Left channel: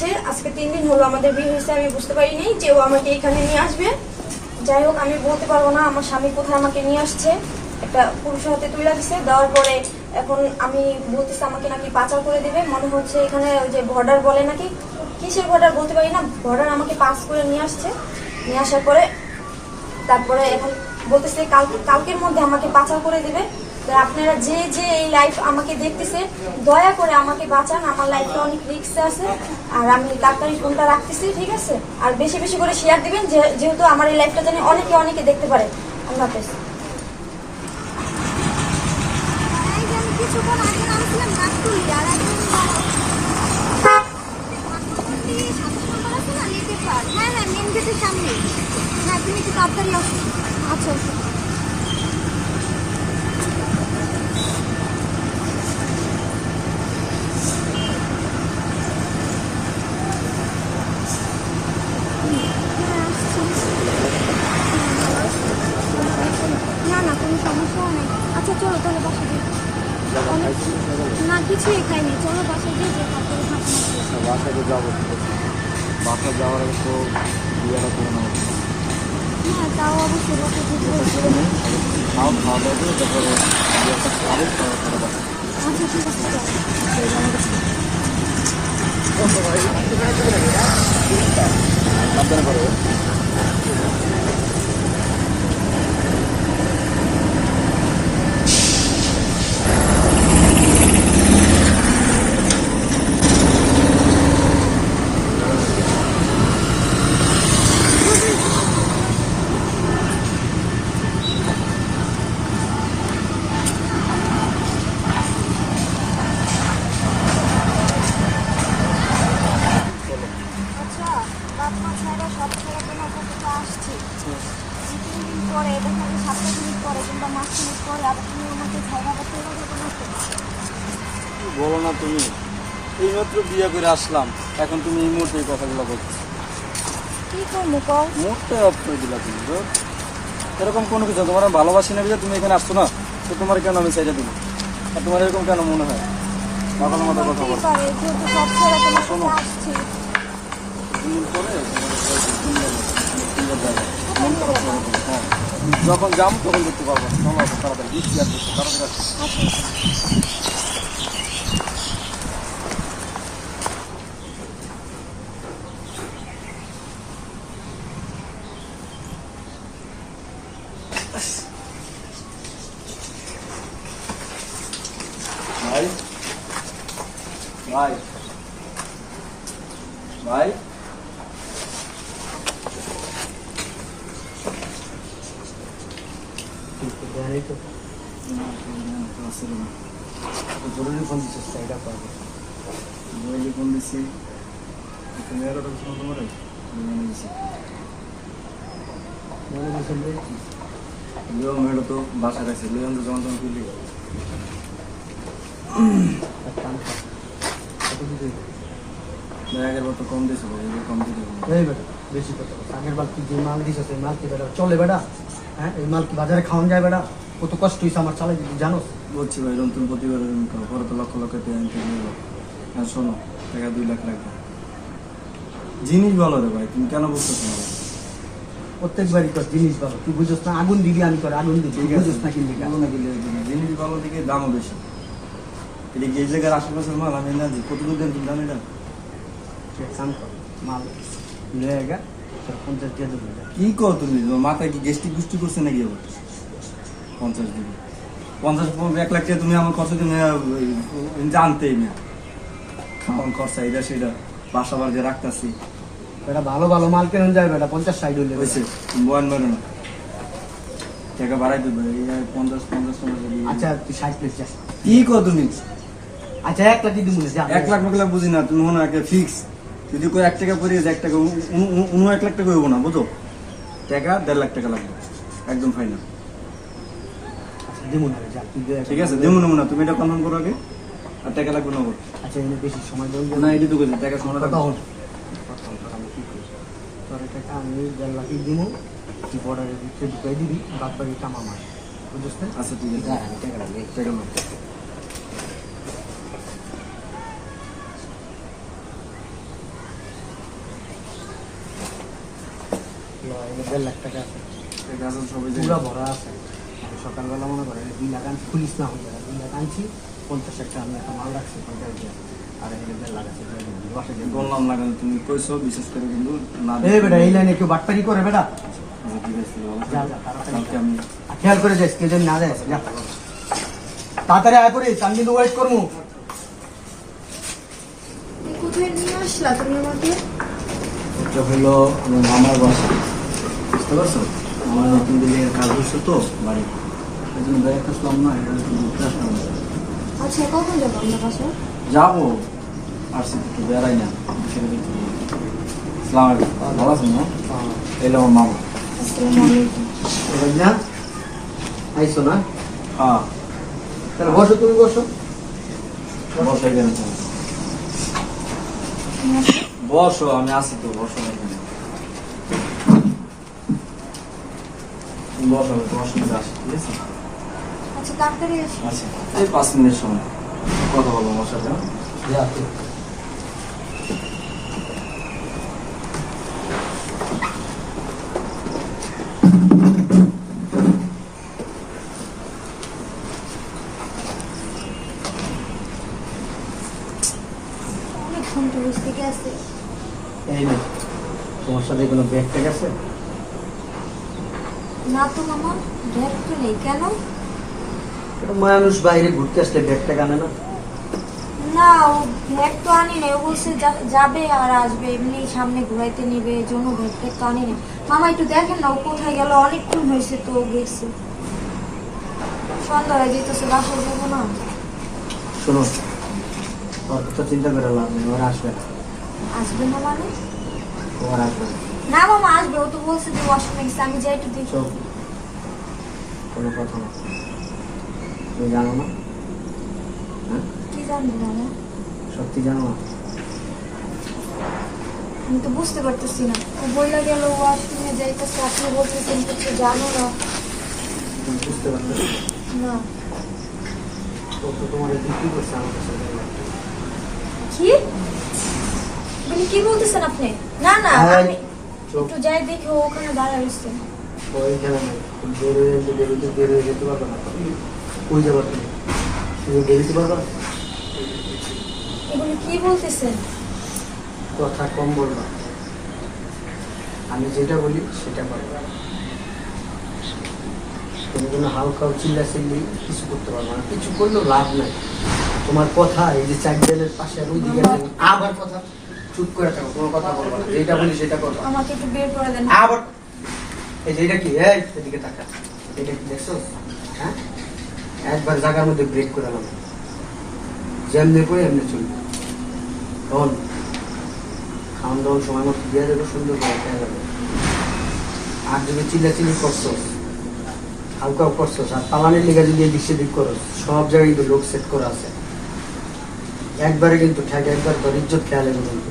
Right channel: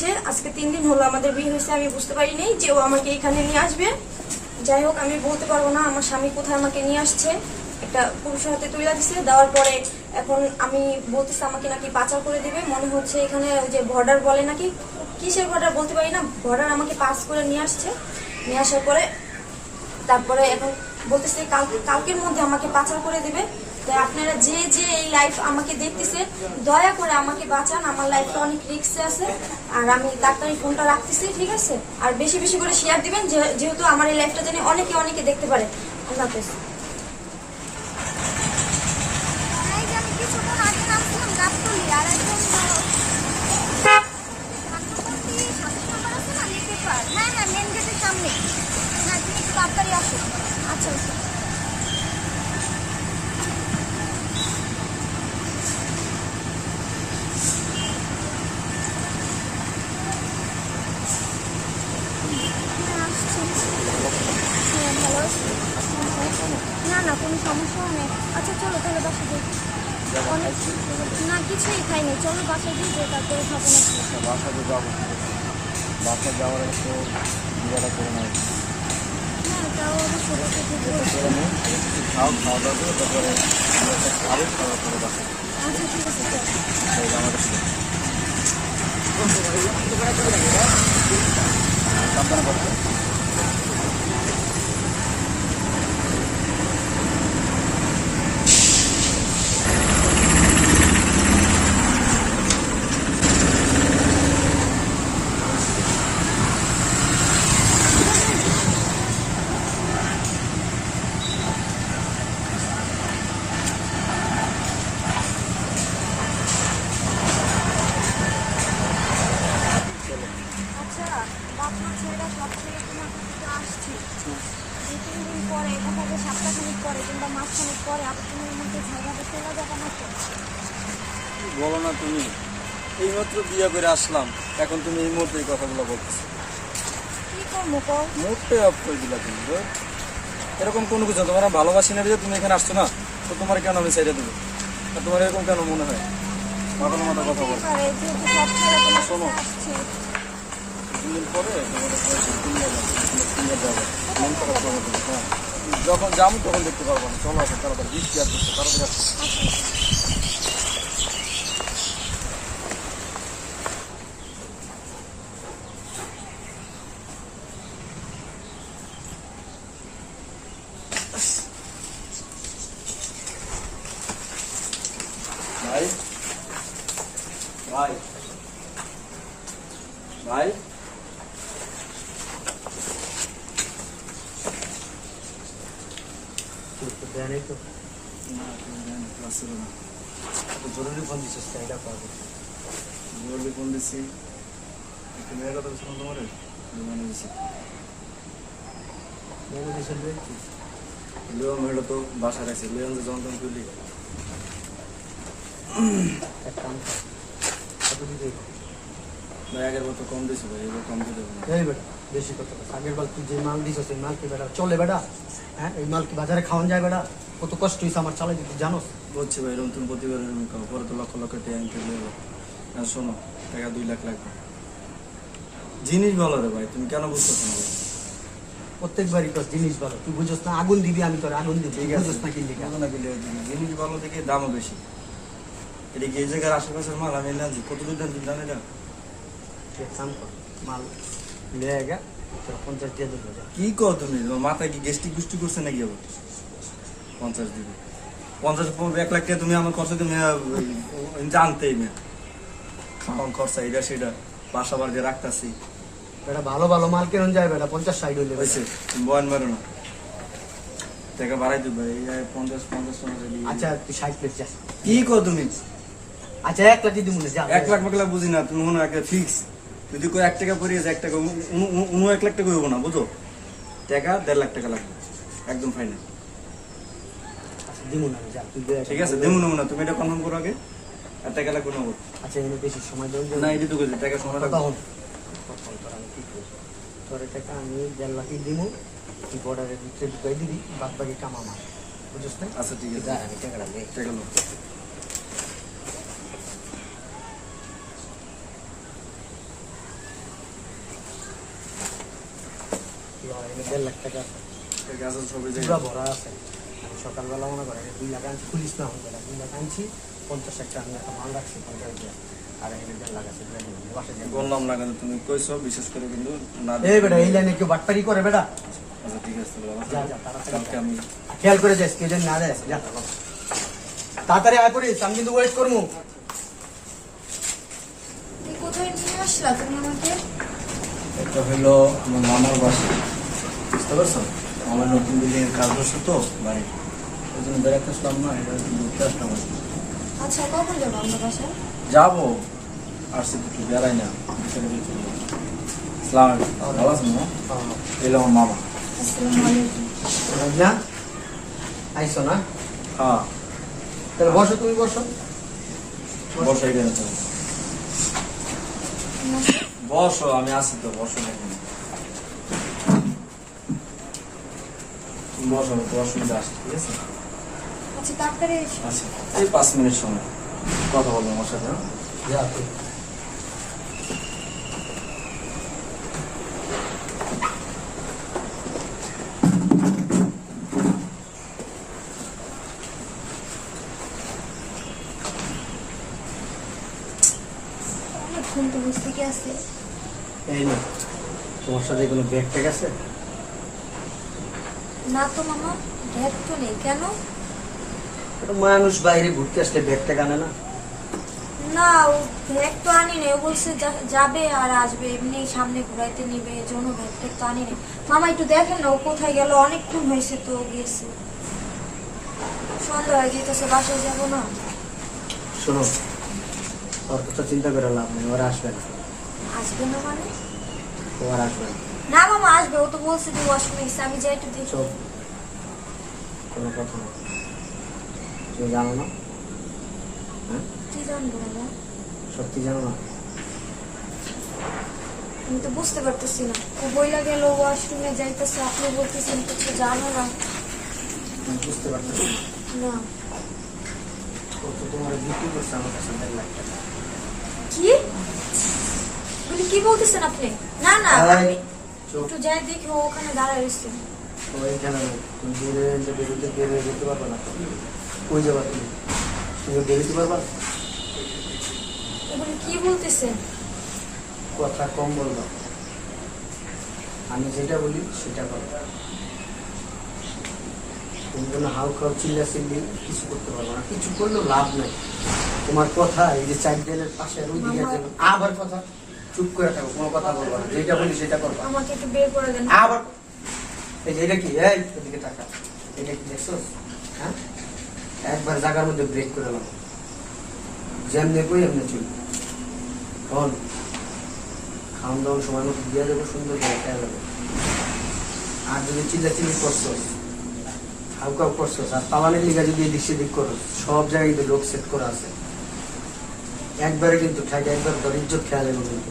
হচ্ছে আজকে 3 দিন হলো আমাদের বিয়ে হয়েছে, আমি বুঝতে পারিনি যে ও আমাকে এখানে নিয়ে আসবে। যাই হোক, আমি বলতে পারবো না আমার স্বামী কোথায় আমাকে নিয়ে আসছে। একটা পুরুষের হাতে তুলে দিচ্ছে, দেওয়ার পরে এখন আমি বলতেছে আমাকে নাকি পাচার করে দিবে। মনে হচ্ছে এখানে ওই যে বর্ডার বলে নাকি, কিসের বর্ডার বলতে পারি না, বর্ডার আমাকে পাস করে নিয়ে আসছে। নিয়ে আসার পরে তারপরে এখন বলতেছে কালকের মধ্যে আমাকে পাচার করে দিবে। তো আপনারা যে যে এই লাইফ আমাকে দেখতেছে, দয়া করে আমাকে বাঁচান, আমার লাইফটা অনেক রিস্কে আছে। আর আমি তাড়াতাড়ি ফোনটা রাখতেছি, ঠিক আছে? আর বেশি বেশি করে শেয়ার দিবেন, যেহেতু আমার এই লাইফটা জানি অনেকে অনেকে দেখতে পারে। আল্লাহ হাফেজ। আচ্ছা চলো তাহলে বাসা যাই। না কিছুই খাইনি, চলো বাসা গিয়ে যে তারপরে বাসাতে যাবো, বাসা যাওয়ার আগে তো বিয়েটা করে নেবো। হ্যাঁ তাও অবশ্যই বাসা গিয়ে খাওয়া খাওয়া দাওয়া করে তারপরে আচ্ছা ঠিক আছে বলো না তুমি, এইমাত্র বিয়ে করে আসলাম, এখন তুমি এই মুহূর্তে এই কথাগুলো বলতেছো। মুহূর্তে অফ করে দিলা তুমি। এরকম কোনো কিছু তোমার ভালোবাসি না, তুমি এখানে আসছো না, তো তোমার কেন আমি চাইটা দিবো? আর তোমার এরকম কেন মনে হয়? এখন মতো কথা বলো। শোনো, যখন যাবো তখন দেখতে পারবো। চলো তাড়াতাড়ি বৃষ্টি আর করতে পারবো না। ভাই ভাই ভাই জরুরি ফোন দিচ্ছিস, এটা পাবো। জরুরি ফোন দিচ্ছি, তুমি কথা বলছো না তোমার লিওন মেয়েটা তো বাসা গেছে, লিওন তো যখন তখন তুলি আগের মতো কম দিয়েছে, কম দিতে বেশি কথা। আগের বার তুই যে মাল দিস সেই মাল কি বেটা চলে বেটা? হ্যাঁ, এই মাল কি বাজারে খাওয়ান যায় বেটা? কত কষ্ট হয়েছে আমার চালাই দিতে, জানোস? বলছি ভাই, তুমি প্রতিবার পরে তো লক্ষ লক্ষ টাকা আনতে গেলে। আর শোনো, টাকা 2 লাখ লাগবে। জিনিস ভালো রে ভাই, তুমি কেন বুঝতেছো না? প্রত্যেকবারই তোর জিনিস ভালো, তুই বুঝোস না? আগুন দিবি, আমি তোর আগুন দিবি, বুঝোস না? কিনবি না দিলে জিনিস ভালো দিকে দামও বেশি। এটা এই জায়গার আশেপাশের মাল আমি না যে কত দূর দেন তুমি জানি না। মাল লেগা 50 দিয়ে দেবো। কি কো তুমি, মাথায় কি গেস্টিক গুষ্টি করছে নাকি? আবার 50 দিবি, 50 1 লাখ টাকা তুমি আমার খরচা তুমি জানতেই না। খাওয়ান খরচা এটা সেটা, বাসা বাড়িতে রাখতেছি। বেটা ভালো ভালো মাল কেন যায় বেটা? 50-60 হইলে হয়েছে, বয়ান মারো না, টাকা বাড়াই দিবে। এই 50 আচ্ছা তুই 60 লাখ যা। কি কো তুমি? আচ্ছা 1 লাখ দিব না, যা। 1 লাখ টাকা বুঝি না, তুমি মনে একটা ফিক্স। যদি কই 1 টাকা পড়িয়ে যায়, 1 টাকা 1 লাখ টাকা হইব না, বুঝো? টাকা 1.5 লাখ টাকা লাগবে, একদম ফাইনাল। আচ্ছা দিব না, যা তুই দে। ঠিক আছে, দেবো না, তুমি এটা কনফার্ম করো আগে। আর টাকা লাগবে নগদ। আচ্ছা এনে বেশি সময় দেব না, এটি তো কইছে টাকা সময় কথা লাগবে। হল আমি কি করি, তোর টাকা আমি 1.5 লাখ দিব, তুই বর্ডারে ভিতরে ঢুকাই দিবি, বাদ বাকি কামা মার, বুঝছিস না? আচ্ছা ঠিক আছে, টাকা লাগবে, টাকা লাগবে। এই 1.5 লাখ টাকা আছে ঠিক আছে সবই পুরা ভরা আছে আমি সকালবেলা মনে করেন 2 লাখ আনছি খুলিস না হয়ে যাবে 2 লাখ আনছি 50 একটা আমি একটা মাল রাখছি 50 দিয়ে আর এখানে 1.5 লাখ আছে বাসে বললাম না কেন তুমি কইছো বিশেষ করে কিন্তু না এই বেটা এই লাইনে কেউ বাটপারি করে বেটা আচ্ছা, ঠিক আছে বাবা। যা যা তাড়াতাড়ি কালকে আমি খেয়াল করে যাস কেউ যেন না যায় যা তাড়াতাড়ি আয় পড়িস আমি কিন্তু ওয়েট করবো কোথায় নিয়ে আসলা তুমি আমাকে? এটা হলো আমার মামার বাসা বুঝতে পারছো আমার নতুন বিল্ডিং কাজ করছে তো বাড়ি এই জন্য বেড়াতে আসলাম না এটা ঘুরতে আসলাম না। আচ্ছা কখন যাবো আমরা বাসায়? যাবো আর সে একটু বেড়াই না সালাম আলাইকুম ভালো আছেন না এলো আমার মামা আসসালামু আলাইকুম। এবার না আইসো না হ্যাঁ তাহলে বসো তুমি বসো বসাই বেরো বসো আমি আছি তো বসো না তুমি। তুমি বসো আমি তোমার সঙ্গে আসি ঠিক আছে আচ্ছা তাড়াতাড়ি এসো। আচ্ছা এই 5 মিনিট সময় কথা বলবো আমার সাথে যা অনেকক্ষণ তো বুঝতে গেছে। এই না তোমার সাথে কোনো ব্যাগ ট্যাগ আছে না তো মামা, ব্যাগ তো নেই। কেন? একটা মানুষ বাইরে ঘুরতে আসলে ব্যাগ ট্যাগ আনে না না, ও ব্যাগ তো আনি না। ও বলছে যাবে আর আসবে, এমনি সামনে ঘুরাইতে নিবে, এই জন্য ব্যাগ ট্যাগ তো আনি না। মামা একটু দেখেন না ও কোথায় গেল, অনেকক্ষণ হয়েছে তো ও গেছে। সন্ধ্যা হয়ে যেতেছে, বাসায় যাবো না। শোনো ওর কথা চিন্তা করে লাভ নেই ওরা আসবে না আসবে না মানে? তোমার আসবে না না মামা আসবে, ও তো বলছে যে ওয়াশরুমে গেছে। আমি যাই একটু দেখি। চল কোনো কথা না তুমি জানো না হ্যাঁ কি জানবো মামা? সত্যি জানো না আমি তো বুঝতে পারতেছি না। ও বইলা গেল ওয়াশরুমে যাইতেছে, আপনি বলতেছেন কিছু জানো না। তুমি বুঝতে পারতেছি না। ও তো তোমার বিক্রি করছে আমার কাছে 1.5 লাখ টাকা। কি বলি, কি বলতেছেন আপনি? না না, এই, আমি চুপ। একটু যাই দেখি ও ওখানে দাঁড়ায় রয়েছে। ওইখানে নেই। তুমি দৌড়ে বেরোতে বেরিয়ে যেতে পারবে না ওই যাবো তুমি বেরোতে পারবা না? এগুলো কি বলতেছেন? কথা কম বলবা আমি যেটা বলি সেটা করবা তুমি কোনো হালকা চিল্লা চিল্লি কিছু করতে পারবো না কিছু করলেও লাভ নাই তোমার কথা এই যে চারজনের পাশে আর ওইদিকে আবার কথা চুপ করে থাকো কোনো কথা বলবা না যেটা বলি সেটা করবা আমাকে একটু বের করে দেন। আবার এই যে এটা কি এই এদিকে তাকা এটা কি দেখছো হ্যাঁ একবার জায়গার মধ্যে ব্রেক করে এলাম যেমনি কই এমনি চলবে তখন খাওয়ান দাওয়ান সময় মতো দিয়ে যাবে সুন্দর করে খেয়া যাবে আর যদি চিল্লাচিল্লি করছো হালকা করছো আর পালানের লিগা যদি এদিক সেদিক করো সব জায়গায় কিন্তু লোক সেট করা আছে একবারে কিন্তু ঠাক একবার তোর ইজ্জত খেয়াল হবে কিন্তু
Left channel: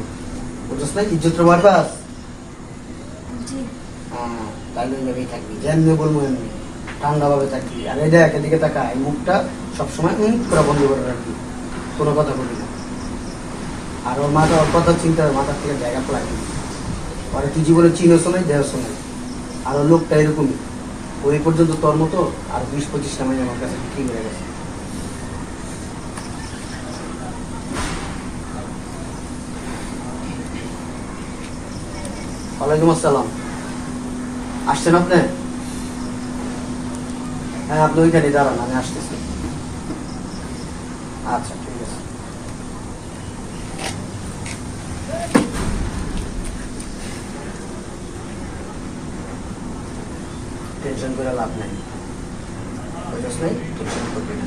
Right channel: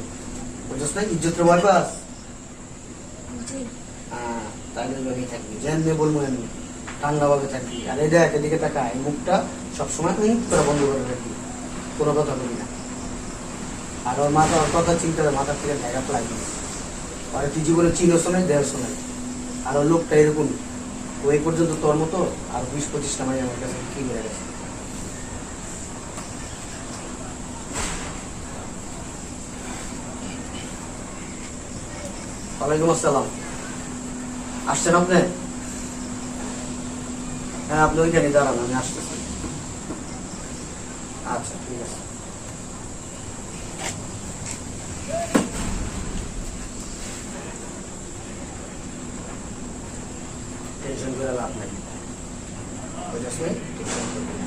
বুঝছ না ইজ্জতের ভয় পাস জি। হ্যাঁ তাহলে ওইভাবেই থাকবি যেমনি বলবো এমনি ঠান্ডা ভাবে থাকবি আর এই দেখ এদিকে তাকা এই মুখটা সবসময় করে বন্ধ করে রাখবি কোনো কথা বলবি না আর ওর মাথা ওর কথা চিন্তা মাথার থেকে জায়গা লাগবে আর তুই জীবনে চিনোস নাই দেহস নাই আর ওর লোকটা এরকমই ওই পর্যন্ত তোর মতো আর 20-25টা মানে আমার কাছে ঠিক হয়ে গেছে ওয়ালাইকুম আসসালাম আসছেন আপনি হ্যাঁ আপনি ওইখানে দাঁড়ান আমি আসতেছি আচ্ছা ঠিক আছে টেনশন করে লাভ নেই বুঝছ নাই টেনশন করবে না।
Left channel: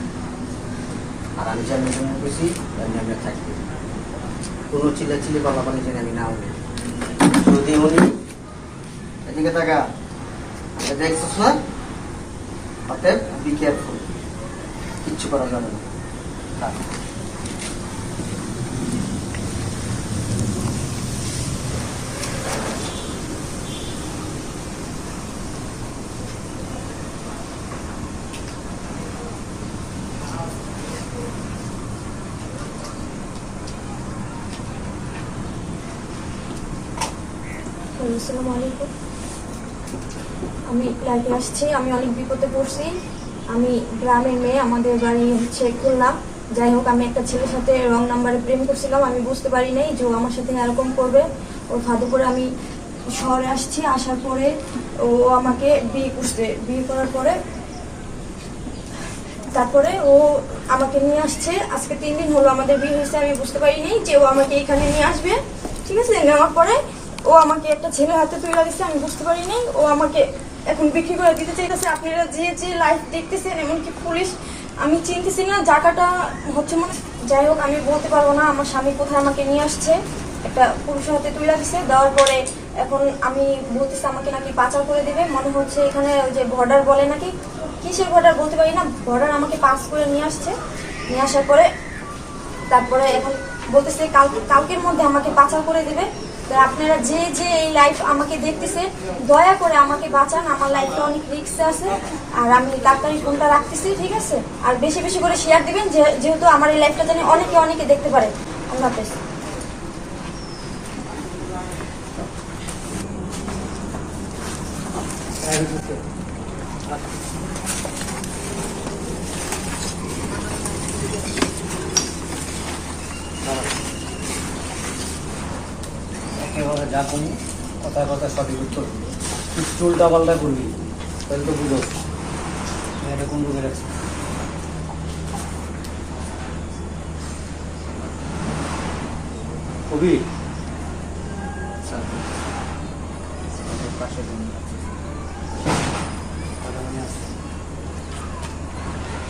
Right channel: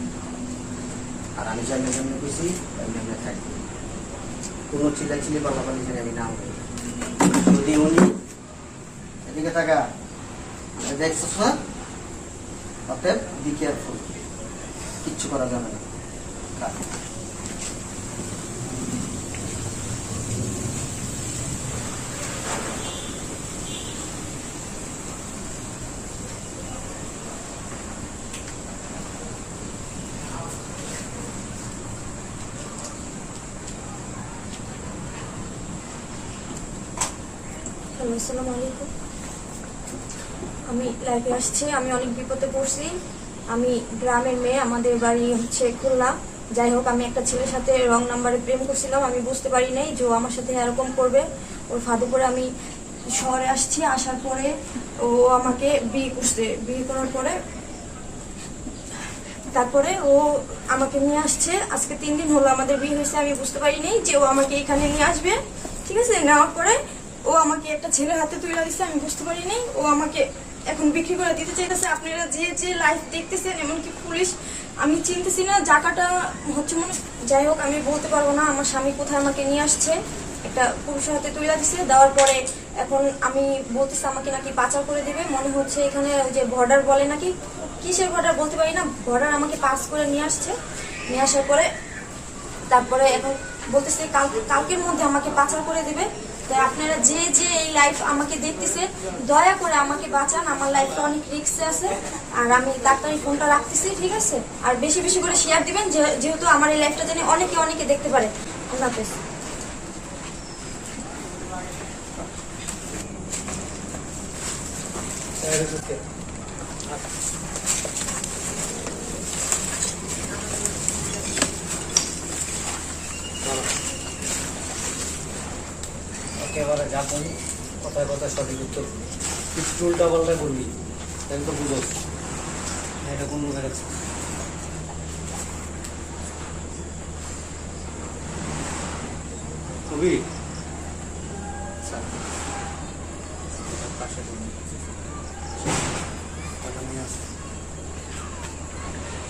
আর আমি জানি বেশি আমি থাকবে কোনো চিল্লাচিল্লি পালাপালি যেন আমি না হবে যদি উনি এদিকে থাকা দেখছিস না অতএব বি কেয়ারফুল কিচ্ছু করা যাবে না আসসালামু আলাইকুম। আমি লাইফে আসছি, আমি অনেক বিপদে পড়ছি। আমি গ্রামের মেয়ে, আমাদের বাড়ি হচ্ছে খুলনা। যাই হোক, আমি একটা ছেলের সাথে রং নাম্বারে প্রেম করছিলাম। আমি বুঝতে পারি নাই যে ও আমার সাথে এরকম করবে। ওর ফাঁদে করে আমি শহরে আসছি। আসার পরে ও আমাকে বিয়ে করছে। বিয়ে করার পরে তারপরে ও আমাকে নিয়ে আসছে। আজকে 3 দিন হলো আমাদের বিয়ে হয়েছে। আমি বুঝতে পারিনি যে ও আমাকে এখানে নিয়ে আসবে। ঠিক আছে, নেওয়ার পরে ও আমাকে একটা ছেলের হাতে তুলে দিচ্ছে। আমি বুঝতে পারিনি ও আমাকে এখন বিক্রি করে দিতে চাইতেছে। আপনারা যে যে লাইফ দেখতেছেন, এমনকি পুলিশ, আমি চিনতেছি না জায়গাটা হচ্ছে মানে। যাই হোক, আমি বলতে পারবো না আমার স্বামী কোথায় আমাকে নিয়ে আসছে। একটা পুরুষের হাতে তুলে দিচ্ছে। দেওয়ার পরে এখন আমি বলতেছি আমাকে নাকি পাচার করে দিবে। মনে হচ্ছে এখানে ওই যে বর্ডার বলে নাকি, কিসের বর্ডার বলতে পারি না, বর্ডার আমাকে পাস করে নিয়ে আসছে। নিয়ে আসার পরে তারপরে এখন বলতেছে কালকের মধ্যে আমাকে পাচার করে দিবে। তো আপনারা যে যে এই লাইফ আমাকে দেখতেছে, দয়া করে আমাকে বাঁচান। আমার লাইফটা অনেক রিস্কে আছে। আর আমি তাড়াতাড়ি ফোনটা রাখতেছি, ঠিক আছে? আর বেশি বেশি করে শেয়ার দিবেন, যেহেতু আমার এই লাইফটা জানি অনেকে অনেকে দেখতে পারে। আল্লাহ হাফেজ। একেবারে যা করবি কথায় কথায় সঠিক উত্তর কিছু উল্টা পাল্টা করবি, তাহলে তো বুঝো এটা কোন রুমে রাখছি। কবি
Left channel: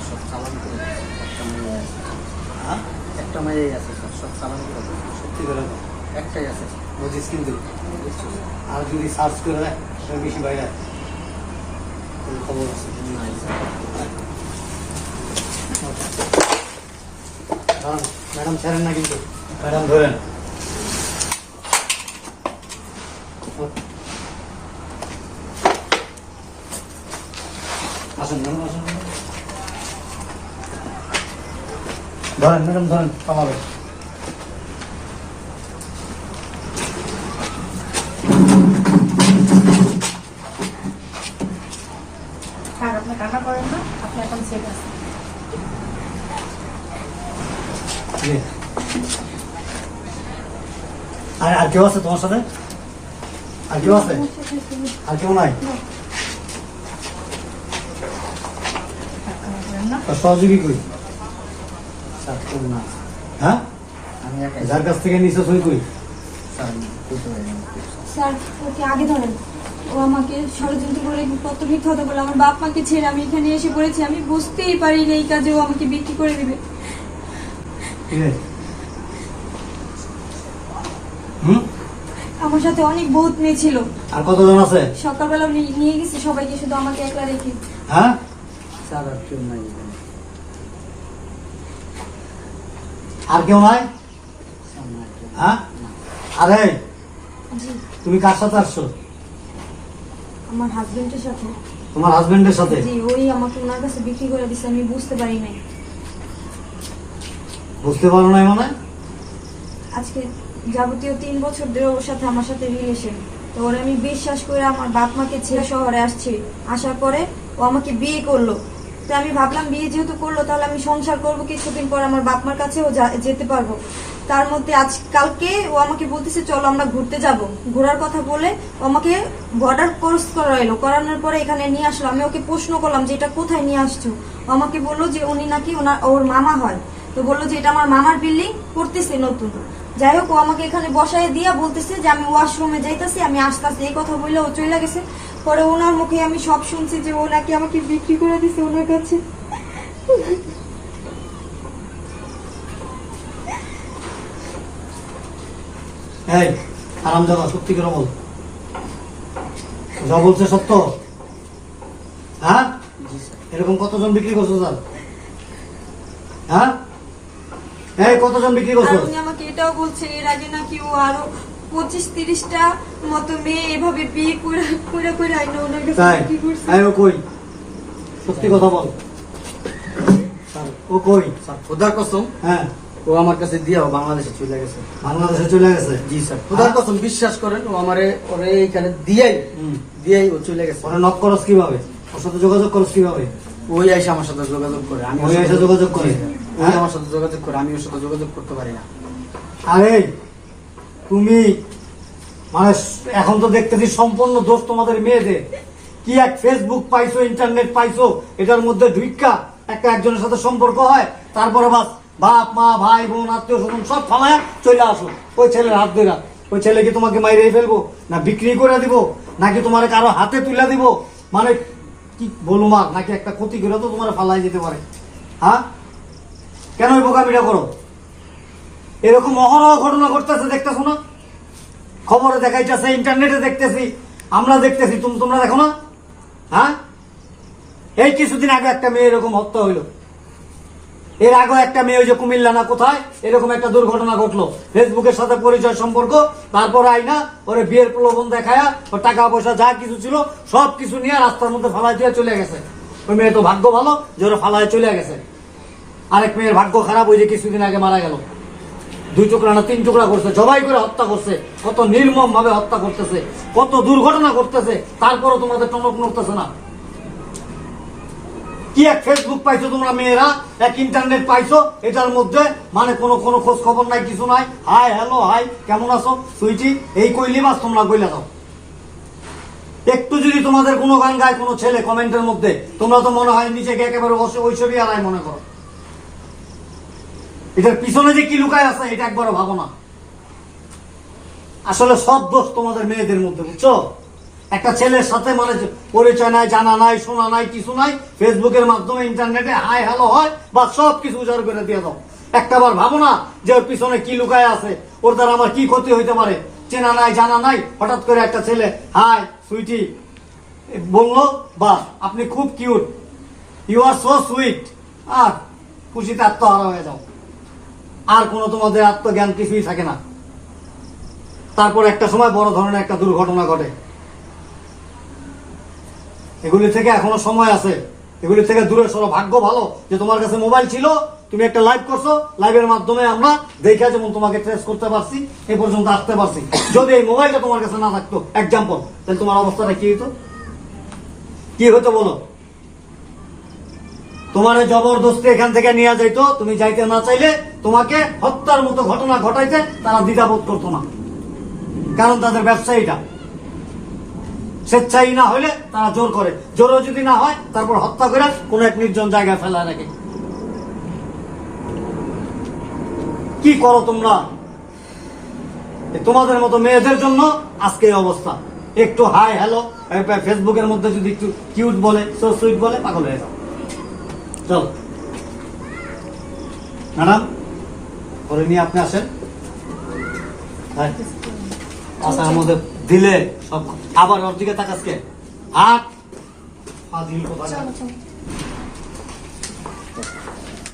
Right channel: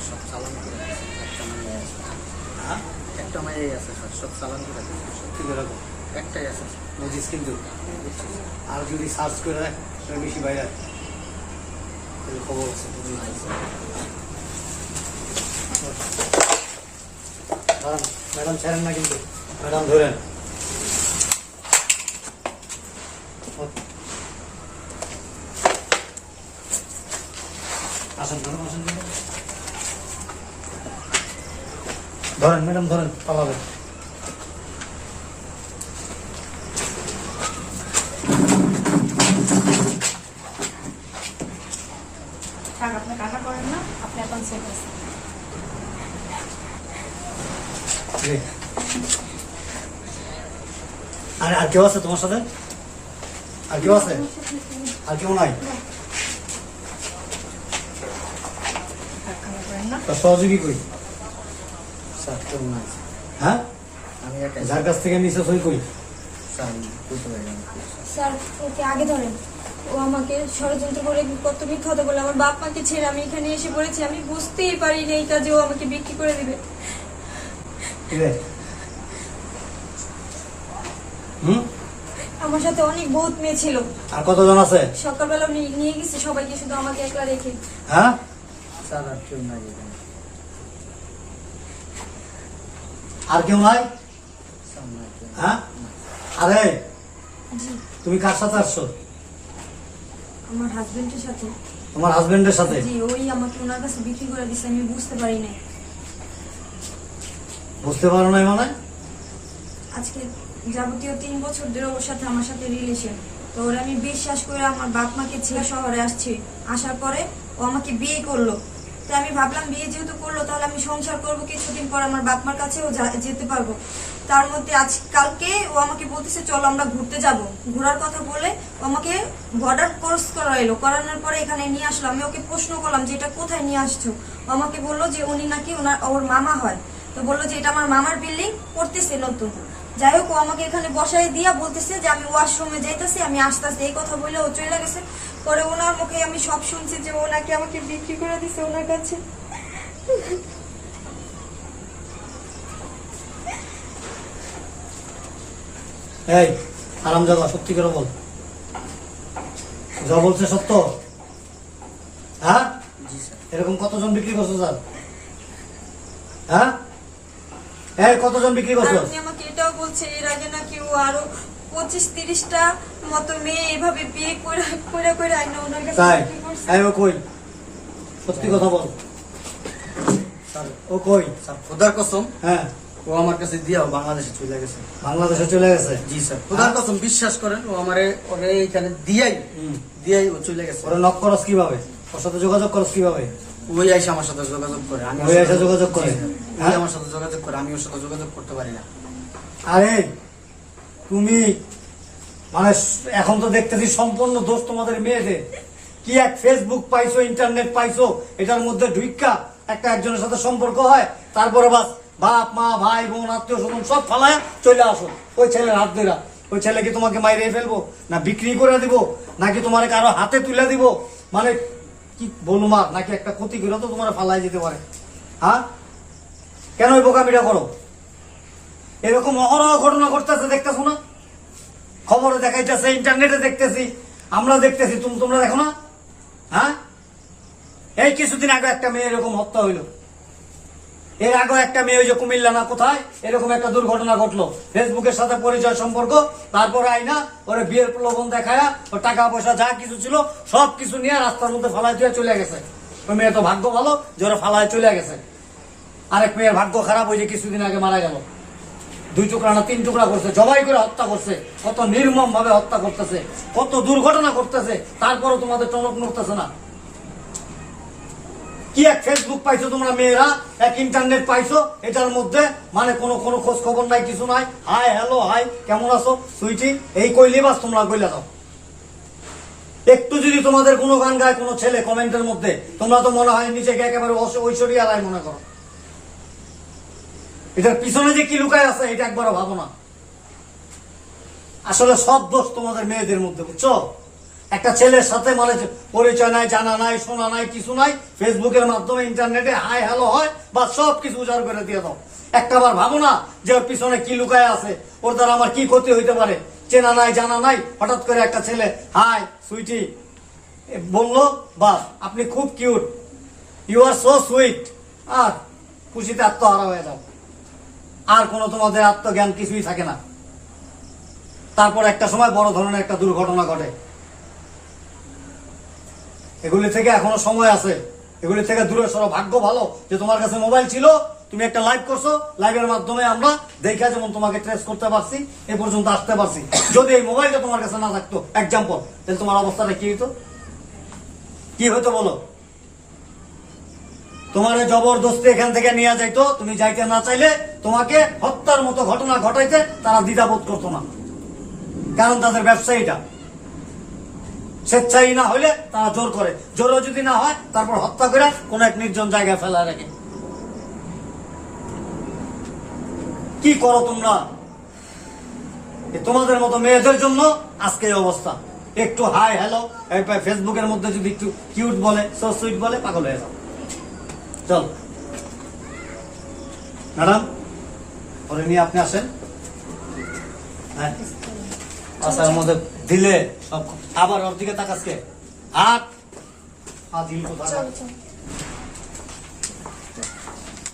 সব চালান করে একটা মেয়ে আছে, সব চালান করে সত্যি করে একটাই আছে নজিস, কিন্তু আর যদি সার্চ করে রাখ বেশি বাইরে খবর আছে। ম্যাডাম ছাড়েন না, কিন্তু ম্যাডাম ধরেন। আসেন ম্যাডাম, আসেন ধরেন ম্যাডাম, ধরেন পালাবেন। আপনি কান্না করেন না, আপনি এখন সেফ আছেন। আর কেউ আছে তোমার সাথে? আর কেউ আছে? আর কেউ নাই? কান্না করেন না। সহযোগী কই? হ্যাঁ, যার কাছ থেকে নিচে সই কই? স্যার, ওকে আগে ধরেন। ও আমাকে ষড়যন্ত্র করে কত মিথ্যা কথা বলে আমার বাপ মাকে ছেড়ে আমি এখানে এসে পড়েছি। আমি বুঝতেই পারিনি এই কাজে ও আমাকে বিক্রি করে দিবে। আমার সাথে অনেক বহুত মেয়ে ছিল। আর কতজন আছে? সকালবেলা নিয়ে গেছি সবাইকে, শুধু আমাকে একলা রেখে। হ্যাঁ, আর কেউ নাই? হ্যাঁ, আরে জি, তুমি কার সাথে আসছো? আমার হাজবেন্ডের সাথে। তোমার হাজবেন্ডের সাথে? জি, ওই আমাকে ওনার কাছে বিক্রি করে দিচ্ছে। আমি বুঝতে পারি নাই। বুঝতে পারো নাই মানে? আজকে যাবতীয় 3 বছর ধরে ওর সাথে আমার সাথে রিলেশন। তো ওর আমি বিশ্বাস করে আমার বাপ মাকে ছেড়ে শহরে আসছি। আসার পরে ও আমাকে বিয়ে করলো। তো আমি ভাবলাম বিয়ে যেহেতু করলো তাহলে আমি সংসার করবো, কিছুদিন পর আমার বাপ মার কাছেও যেতে পারবো। তার মধ্যে কালকে ও আমাকে বলতেছে চলো আমরা ঘুরতে যাব। ঘোরার কথা বলে ও আমাকে বর্ডার ক্রস করাইলো। করানোর পরে এখানে নিয়ে আসলো। আমি ওকে প্রশ্ন করলাম যে এটা কোথায় নিয়ে আসছো। ও আমাকে বললো যে উনি নাকি ওর মামা হয়। তো বললো যে এটা আমার মামার বিল্ডিং করতেছে নতুন। যাই হোক, ও আমাকে এখানে বসায় দিয়ে বলতেছে যে আমি ওয়াশরুমে যাইতেছি, আমি আসতেছি। এই কথা বললে ও চলে গেছে। পরে ওনার মুখে আমি সব শুনছি যে ও নাকি আমাকে বিক্রি করে দিছে ওনার কাছে। এই আরামজাদা, সত্যি করে বল, যা বলছে সত্য? হ্যাঁ, এরকম কতজন বিক্রি করছো স্যার? হ্যাঁ, এই কতজন বিক্রি করছো? আর উনি আমাকে এটাও বলছে এর আগে নাকি ও আরো 25-30টা মতো মেয়ে এভাবে বিয়ে করে আইনা ওনার কাছে তাই? বিক্রি করছে। এই ও কই? সত্যি কথা বল। ও কই? খোদার কসম হ্যাঁ, ও আমার কাছে দিয়ে ও বাংলাদেশে চলে গেছে। বাংলাদেশে চলে গেছে? জি স্যার, খুদার কসম বিশ্বাস করেন, ও আমারে ওরে এইখানে দিয়াই ও চলে গেছে। ওরা নক করস কিভাবে? ওর সাথে যোগাযোগ করস কিভাবে? ওই আইসা আমার সাথে যোগাযোগ করে, আমি ওই এসে যোগাযোগ করে? ওই আমার সাথে যোগাযোগ করে, আমি ওর সাথে যোগাযোগ করতে পারি না। আরে তুমি মানে এখন তো দেখতেছি সম্পূর্ণ দোষ তোমাদের মেয়েদের। কি এক ফেসবুক পাইছো, ইন্টারনেট পাইছো, এটার মধ্যে ঢুইকা একটা একজনের সাথে সম্পর্ক হয়, তারপরে বাস বাপ মা ভাই বোন আত্মীয় স্বজন সব ফালায় চলে আসো ওই ছেলের হাত ধরা। ওই ছেলে কি তোমাকে মাইরে ফেলবো, না বিক্রি করে দিব, নাকি তোমার কারো হাতে তুলে দিব, মানে কি বলবো মা, নাকি একটা ক্ষতি করে তো তোমার ফালাই যেতে পারে? হ্যাঁ, কেন ওই বোকামিটা করো? এরকম অহরহ ঘটনা ঘটতেছে, দেখতেছো না? খবরে দেখাইতেছে, ইন্টারনেটে দেখতেছি, আমরা দেখতেছি, তোমরা দেখো না? হ্যাঁ, এই কিছুদিন আগে একটা মেয়ে এরকম হত্যা হইলো। এর আগে একটা মেয়ে ওই যে কুমিল্লা না কোথায় এরকম একটা দুর্ঘটনা ঘটলো। ফেসবুকের সাথে পরিচয় সম্পর্ক, তারপর আইনা ওরে বিয়ের প্রলোভন দেখায়া ওর টাকা পয়সা যা কিছু ছিল সব কিছু নিয়ে রাস্তার মধ্যে ফালাই দিয়ে চলে গেছে। ওই মেয়ে তো ভাগ্য ভালো যে ওরা ফালায় চলে গেছে। আরেক মেয়ের ভাগ্য খারাপ, ওই যে কিছুদিন আগে মারা গেল। 2 টুকরা না 3 টুকরা করছে, জবাই করে হত্যা করছে। কত নির্মম ভাবে হত্যা করতেছে, কত দুর্ঘটনা করতেছে, তারপরও তোমাদের টনক নড়তেছে না। কি এক ফেসবুক পাইছো তোমরা মেয়েরা, এক ইন্টারনেট পাইছো, এটার মধ্যে মানে কোনো খোঁজ খবর নাই, কিছু নাই। হাই হ্যালো, হাই কেমন আছো সুইটি, এই কইলে বাস তোমরা কইলে দাও। একটু যদি তোমাদের কোনো গান গায় কোনো ছেলে কমেন্টের মধ্যে, তোমরা তো মনে হয় নিজেকে একেবারে ঐশ্বরিয়া রায় মনে করো। এটার পিছনে যে কি লুকায় আছে এটা একবারও ভাবো না। আসলে সব দোষ তোমাদের মেয়েদের মধ্যে, বুঝছো? একটা ছেলের সাথে মানে পরিচয় নাই, জানা নাই, শোনা নাই, কিছু নাই, ফেসবুকের মাধ্যমে ইন্টারনেটে হাই হ্যালো হয় বা সব কিছু উজাড় করে দিয়ে দাও। একটা বার ভাবো না যে ওর পিছনে কি লুকায় আছে, ওর দ্বারা আমার কি ক্ষতি হইতে পারে। চেনা নাই, জানা নাই, হঠাৎ করে একটা ছেলে হাই সুইটি বললো, বা আপনি খুব cute, you are so sweet, আর খুশিতে আত্মহারা হয়ে যাও। আর কোনো তোমাদের আত্মজ্ঞান কিছুই থাকে না। তারপর একটা সময় বড় ধরনের একটা দুর্ঘটনা ঘটে। এগুলি থেকে এখনো সময় আছে, এগুলি থেকে দূরে সরো। ভাগ্য ভালো যে তোমার কাছে মোবাইল ছিল, তুমি একটা লাইভ করছো, লাইভের মাধ্যমে আমরা দেখে যেমন তোমাকে ট্রেস করতে পারছি, এ পর্যন্ত আসতে পারছি। যদি এই মোবাইলটা তোমার কাছে না থাকতো, এক্সাম্পল, তাহলে তোমার অবস্থাটা কি হতো? কি হতো বলো? তোমার জবরদস্তি এখান থেকে নিয়ে যাইতো, তুমি যাইতে না চাইলে তোমাকে হত্যার মতো ঘটনা ঘটাইতে তারা দ্বিধাবোধ করতো না, কারণ তাদের ব্যবসায়ীটা স্বেচ্ছাই না হলে তারা জোর করে, জোরও যদি না হয় তারপর হত্যা করে কোন এক নির্জন জায়গায় ফেলায় রাখে। কি করো তোমরা? তোমাদের মতো মেয়েদের জন্য আজকে এই অবস্থা। একটু হাই হ্যালো ফেসবুকের মধ্যে যদি একটু কিউট বলে, সো সুইট বলে, পাগল হয়ে যাও। চল ম্যাডাম, পরে নিয়ে আপনি আসেন। হ্যাঁ, আসার মধ্যে দিলে সব আবার ওর দিকে তাকাসকে হাত পা দিল তো চলো চলো।